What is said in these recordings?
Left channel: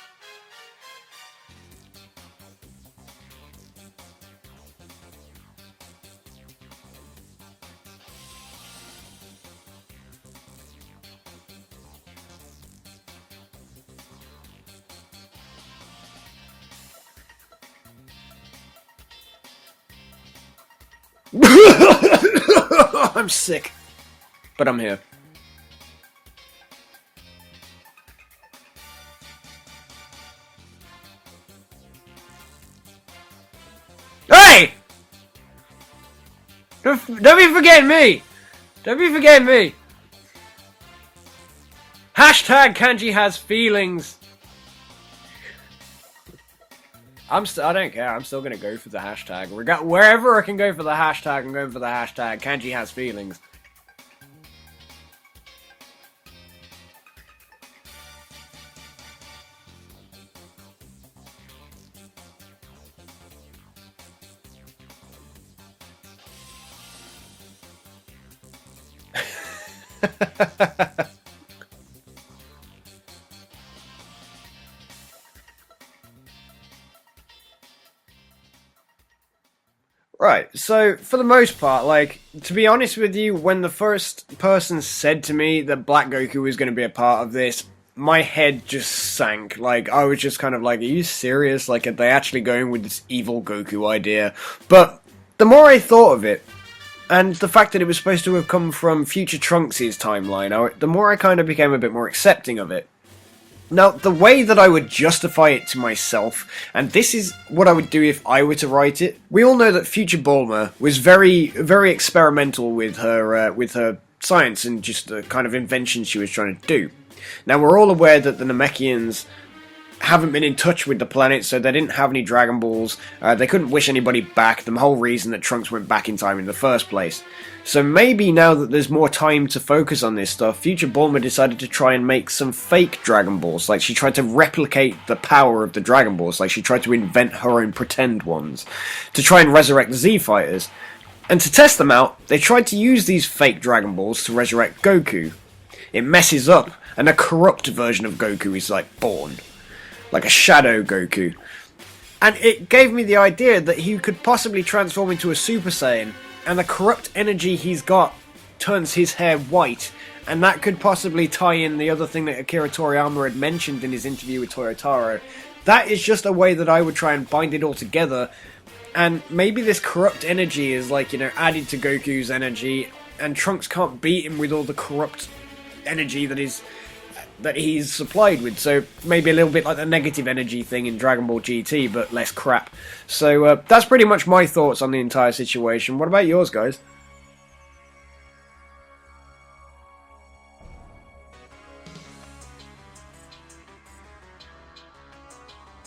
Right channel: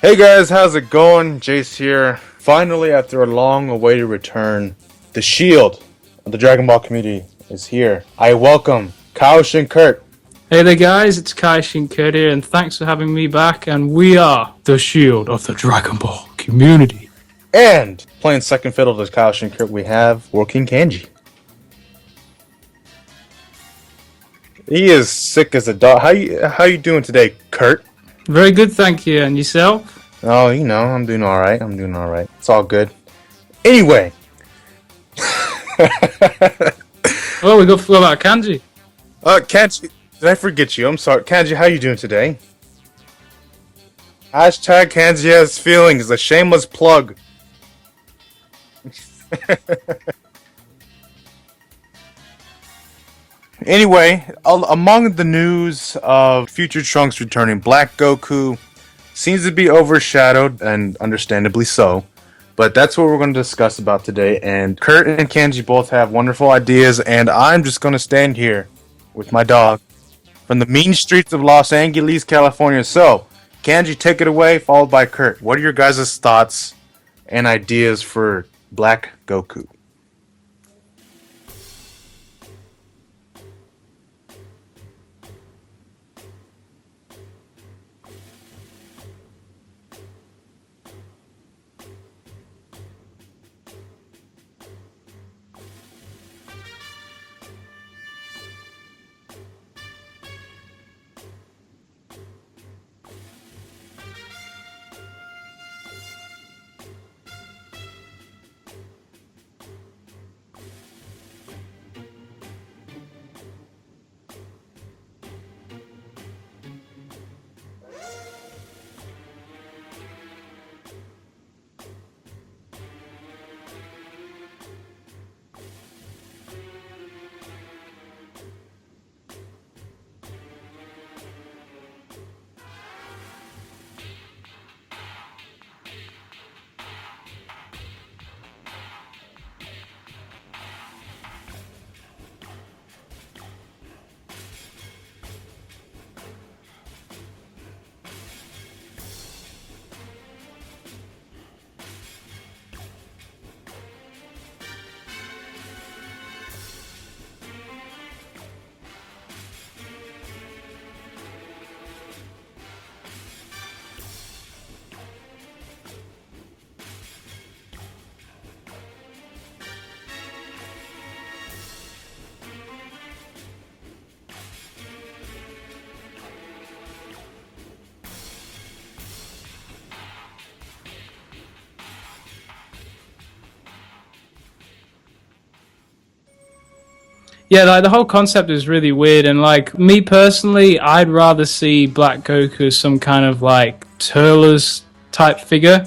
Hey guys, how's it going? Jace here. Finally, after a long awaited return, the shield of the Dragon Ball community is here. I welcome Kaioshin Curt Hey there guys, it's Kaioshin Curt here and thanks for having me back, and we are the shield of the Dragon Ball community. and playing second fiddle to Kaioshin Curt we have working Kanji. I'm sick. But I'm He is sick as a dog. How you doing today, Curt? Very good, thank you, and yourself? Oh, I'm doing alright. It's all good. Anyway. Hey! Don't be Well, we got forgetting me! about Kanji. Don't be forgetting me! Kanji, did I forget you? I'm sorry. Kanji, how you doing today? Hashtag Kanji has feelings. Hashtag Kanji has feelings. A shameless plug. I don't care. I'm still gonna go for the hashtag. Wherever I can go for the hashtag, I'm going for the hashtag. Kanji has feelings. Anyway, among the news of future Trunks returning, Black Goku seems to be overshadowed, and understandably so. But that's what we're going to discuss about today. And Curt and Kanji both have wonderful ideas, and I'm just going to stand here with my dog from the mean streets of Los Angeles, California. So, Kanji, take it away, followed by Curt. What are your guys' thoughts and ideas for Black Goku? Right, so for the most part, like, to be honest with you, when the first person said to me that Black Goku was going to be a part of this, my head just sank. Like, I was just kind of like, are you serious? Like, are they actually going with this evil Goku idea? But the more I thought of it, and the fact that it was supposed to have come from future Trunks' timeline, the more I kind of became a bit more accepting of it. Now, the way that I would justify it to myself, and this is what I would do if I were to write it, we all know that future Bulma was very, very experimental with her science and just the kind of inventions she was trying to do. Now, we're all aware that the Namekians haven't been in touch with the planet, so they didn't have any Dragon Balls. They couldn't wish anybody back, the whole reason that Trunks went back in time in the first place. So maybe now that there's more time to focus on this stuff, future Bulma decided to try and make some fake Dragon Balls. Like, she tried to replicate the power of the Dragon Balls. Like, she tried to invent her own pretend ones to try and resurrect the Z-Fighters. And to test them out, they tried to use these fake Dragon Balls to resurrect Goku. It messes up, and a corrupt version of Goku is, like, born. Like a shadow Goku. And it gave me the idea that he could possibly transform into a Super Saiyan, and the corrupt energy he's got turns his hair white, and that could possibly tie in the other thing that Akira Toriyama had mentioned in his interview with Toyotaro. That is just a way that I would try and bind it all together, and maybe this corrupt energy is like, added to Goku's energy, and Trunks can't beat him with all the corrupt energy that he's supplied with, so maybe a little bit like the negative energy thing in Dragon Ball GT, but less crap. So that's pretty much my thoughts on the entire situation. What about yours, guys? Yeah, like the whole concept is really weird, and like me personally, I'd rather see Black Goku as some kind of like Turles type figure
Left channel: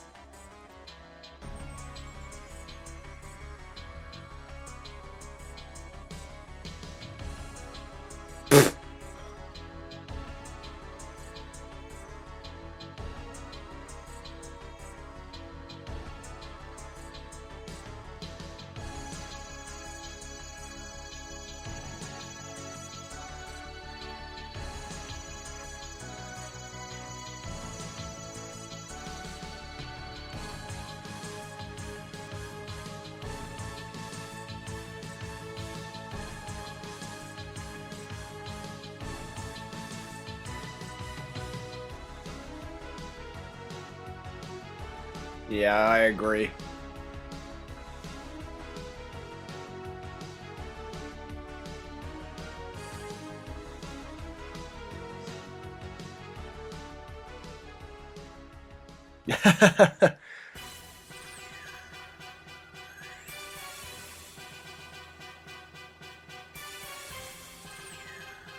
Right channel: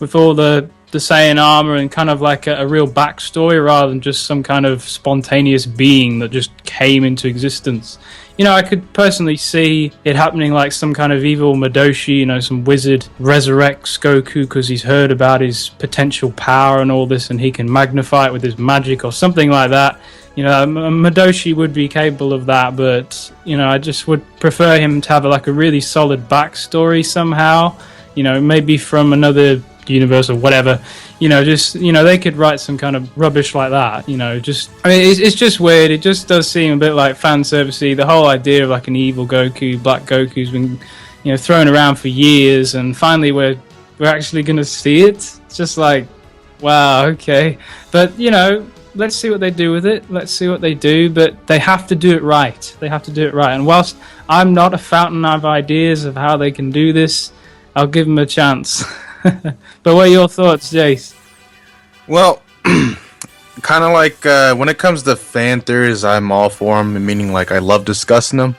with all the Saiyan armor and kind of like a real backstory rather than just some kind of spontaneous being that just came into existence. I could personally see it happening like some kind of evil Madoshi, some wizard resurrects Goku because he's heard about his potential power and all this, and he can magnify it with his magic or something like that. Madoshi would be capable of that, but, I just would prefer him to have like a really solid backstory somehow, maybe from another universe or whatever. They could write some kind of rubbish like that, it's just weird. It just does seem a bit like fan servicey. The whole idea of like an evil Goku, Black Goku's been, thrown around for years, and finally we're actually going to see it. It's just like, I agree. Wow, okay. But, let's see what they do with it. Let's see what they do, but they have to do it right. And whilst I'm not a fountain of ideas of how they can do this, I'll give them a chance. But what are your thoughts, Jace? Well, kind of like when it comes to fan theories, I'm all for them, meaning like I love discussing them.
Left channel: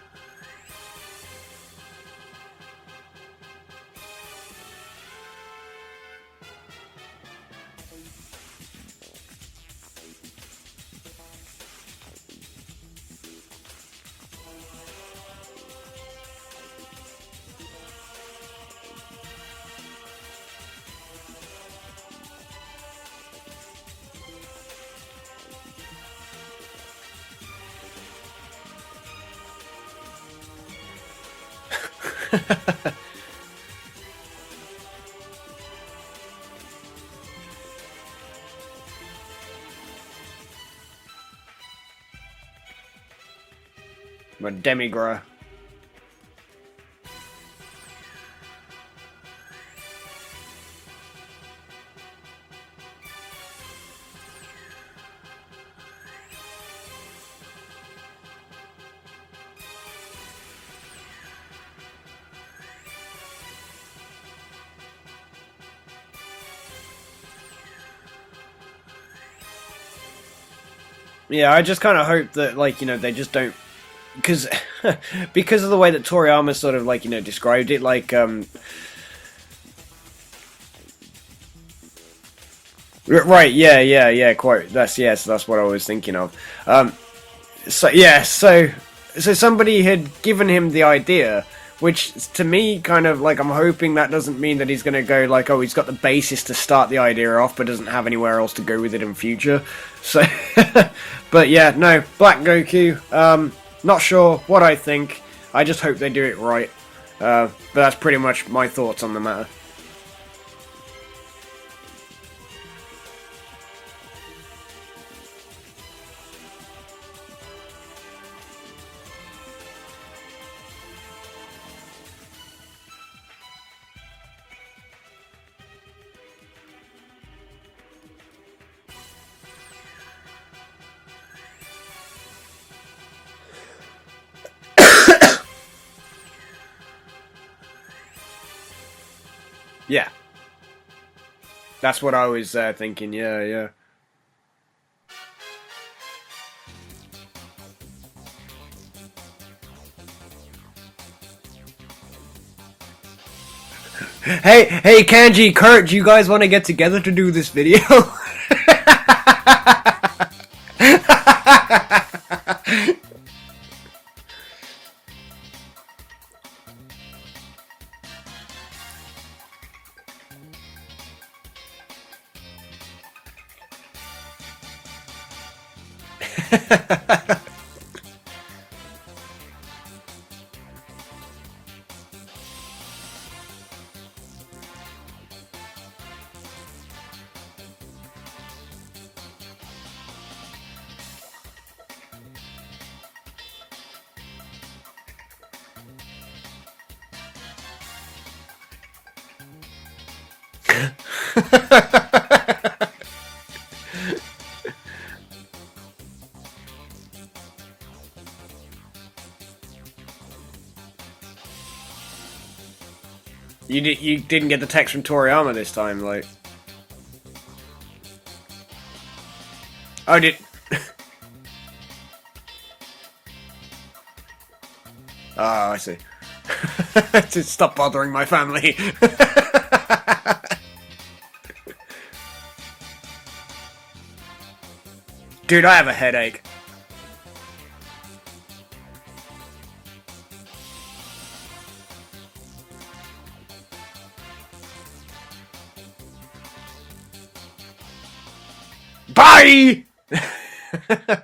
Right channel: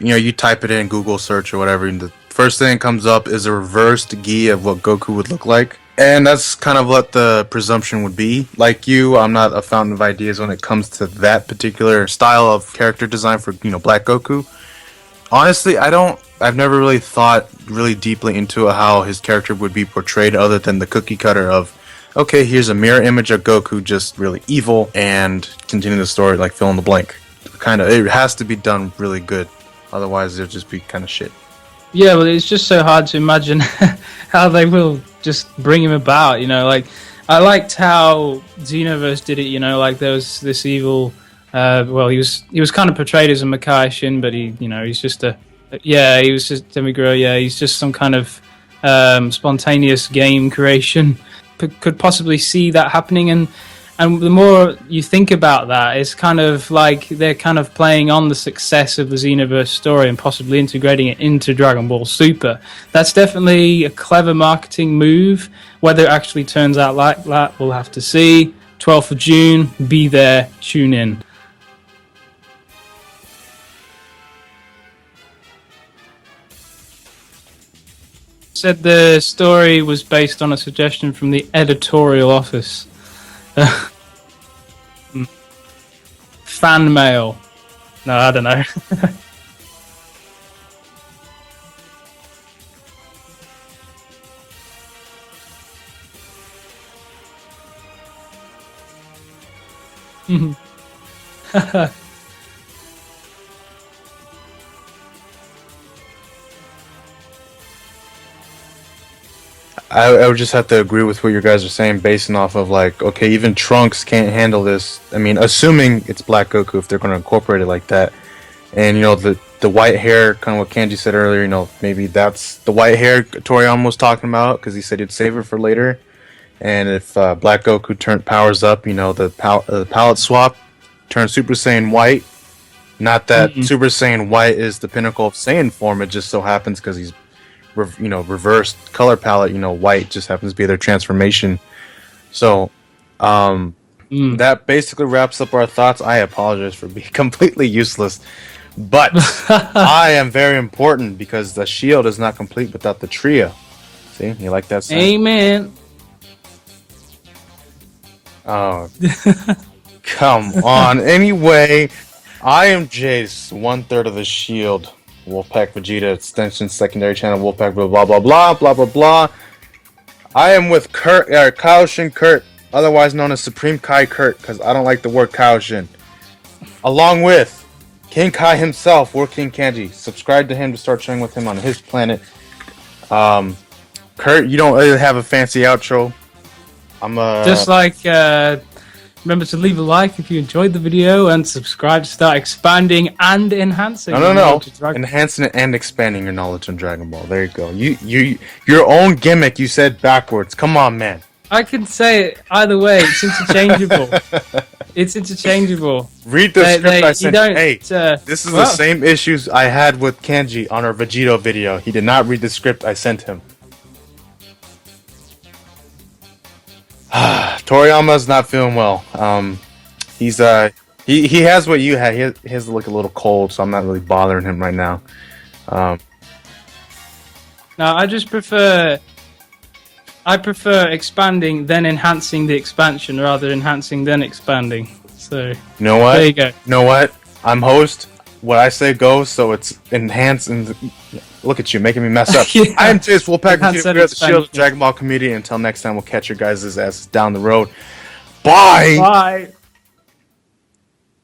You type it in Google search or whatever, and the first thing that comes up is a reversed gi of what Goku would look like. And that's kind of what the presumption would be. Like you, I'm not a fountain of ideas when it comes to that particular style of character design for, Black Goku. Honestly, I've never really thought really deeply into how his character would be portrayed other than the cookie cutter of, okay, here's a mirror image of Goku just really evil, and continue the story like fill in the blank. It has to be done really good. Otherwise, it'll just be kind of shit. Yeah, well, it's just so hard to imagine how they will just bring him about. You know, like I liked how Xenoverse did it. You know, like there was this evil. Well, he was kind of portrayed as a Kaioshin, but he was just he was just Demigro. Yeah, he's just some kind of spontaneous game creation. Could possibly see that happening, and the more you think about that, it's kind of like they're kind of playing on the success of the Xenoverse story and possibly integrating it into Dragon Ball Super. That's definitely a clever marketing move. Whether it actually turns out like that, we'll have to see. 12th of June, be there, tune in. Yeah, I just kind of hope that, like, you know, they just don't... Because of the way that Toriyama sort of, like, you know, described it, like... Said the story was based on a suggestion from the editorial office. Right, yeah, quote. That's what I was thinking of. Fan mail. So, yeah, so somebody had given him the idea... Which, to me, kind of, like, I'm hoping that doesn't mean that he's going to go, like, oh, he's got the basis to start the idea off, but doesn't have anywhere else to go with it in future. So, but yeah, no, Black Goku, not sure what I think. I just hope they do it right. But that's pretty much my thoughts on the matter. I would just have to agree with what you guys are saying, basing off of, like, okay, even Trunks can't handle this. I mean, assuming it's Black Goku, if they're going to incorporate it like that. And, you know, the white hair, kind of what Kanji said earlier, you know, maybe that's the white hair Toriyama was talking about, because he said he'd save it for later. And if Black Goku powers up, you know, the palette swap turns Super Saiyan white. Not that Super Saiyan white is the pinnacle Saiyan form, it just so happens because he's, reversed color palette, you know, white just happens to be their transformation. That's what I was thinking, That basically wraps up our thoughts. I apologize for being completely useless. But I am very important because the shield is not complete without the trio. See, hey, Kanji, Kurt, do you guys want to get together to do this video? Come on. Anyway, I am Jace, 1/3 of the shield. Wolfpack Vegeta extension, secondary channel, Wolfpack blah blah blah blah blah blah blah. I am with Kurt, Kaioshin Curt, otherwise known as Supreme Kai Curt, because I don't like the word Kaioshin. Along with King Kai himself, War King Kanji. Subscribe to him to start sharing with him on his planet. Kurt, you don't really have a fancy outro. Just like remember to leave a like if you enjoyed the video and subscribe to start expanding and enhancing. No. Enhancing and expanding your knowledge on Dragon Ball. There you go. Your own gimmick. You said backwards. Come on, man. I can say it either way. It's interchangeable. It's interchangeable. Read the script I sent. Hey, this is the same issues I had with Kanji on our Vegeta video. He did not read the script I sent him. You didn't get the text from Toriyama this time, like. Toriyama's not feeling well. He's he has what you had. He has to look a little cold, so I'm not really bothering him right now. Stop bothering my family. I prefer expanding then enhancing the expansion rather than enhancing then expanding. So, dude, I have there you go. You know what? I'm host. What I say goes, so it's enhanced and look at you making me mess up. Yeah. I am Chase Wolfpack Vegeta, the Shield of Dragon Ball community. Until next time, we'll catch your guys' asses down the road. Bye. Bye.